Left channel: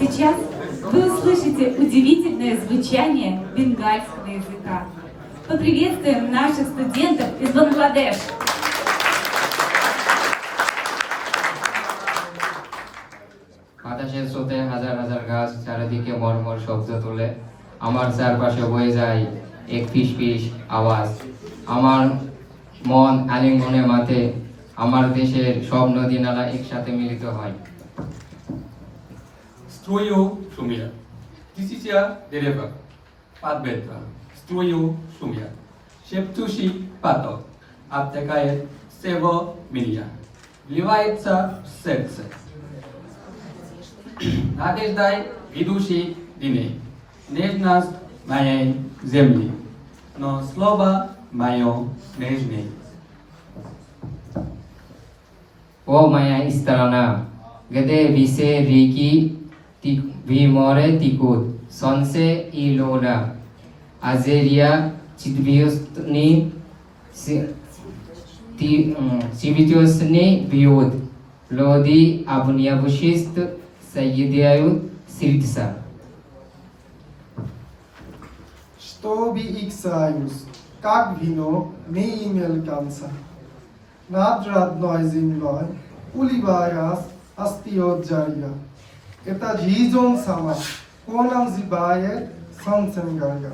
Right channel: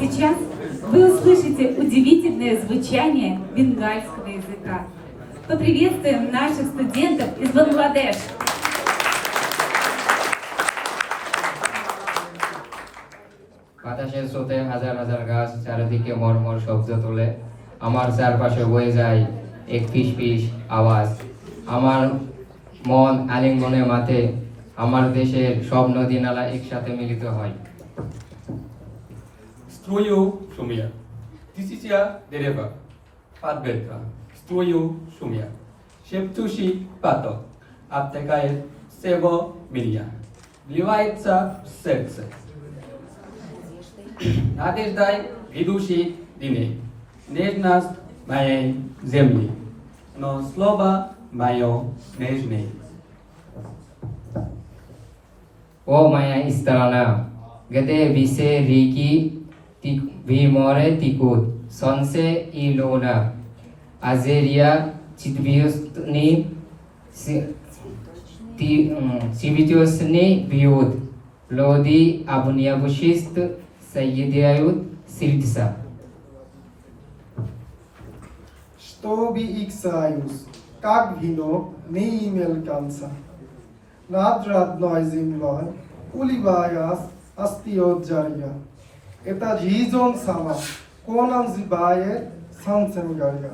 Сейчас вы услышите удивительное звучание бенгальского языка. Поприветствуем наших студентов из Бангладеш. বাতাসের স্রোতে হাজার হাজার গাছ চারিদিকে মর্মর শব্দ তোলে। আমার চারপাশে বয়ে যায় এক ফিসফিস আওয়াজ। আমার মন আলিঙ্গনে মাথে। আমার দেশের সব নদী নালা একসাথে মিলিত হয়। Stroju Shumia. This is a dereva. Padbetra. Stroju Shumia. Sheptushi Pato. Aptekaje Sevo Milja. Вливается в сердце. Надеждай ведущий дней. Нежность моей земли. Но слово мое нежней. О моя страна, где вise реки виморе текут, солнце и луна, Азерия цветвёстный цветёстный бьют, люди обнявшись соединяют сердца. Чтобы их союз, как вино, не имел конца. Над родной землей уливаясь остает жарья. Это жизнь сама, к нам зибает солнцем горя.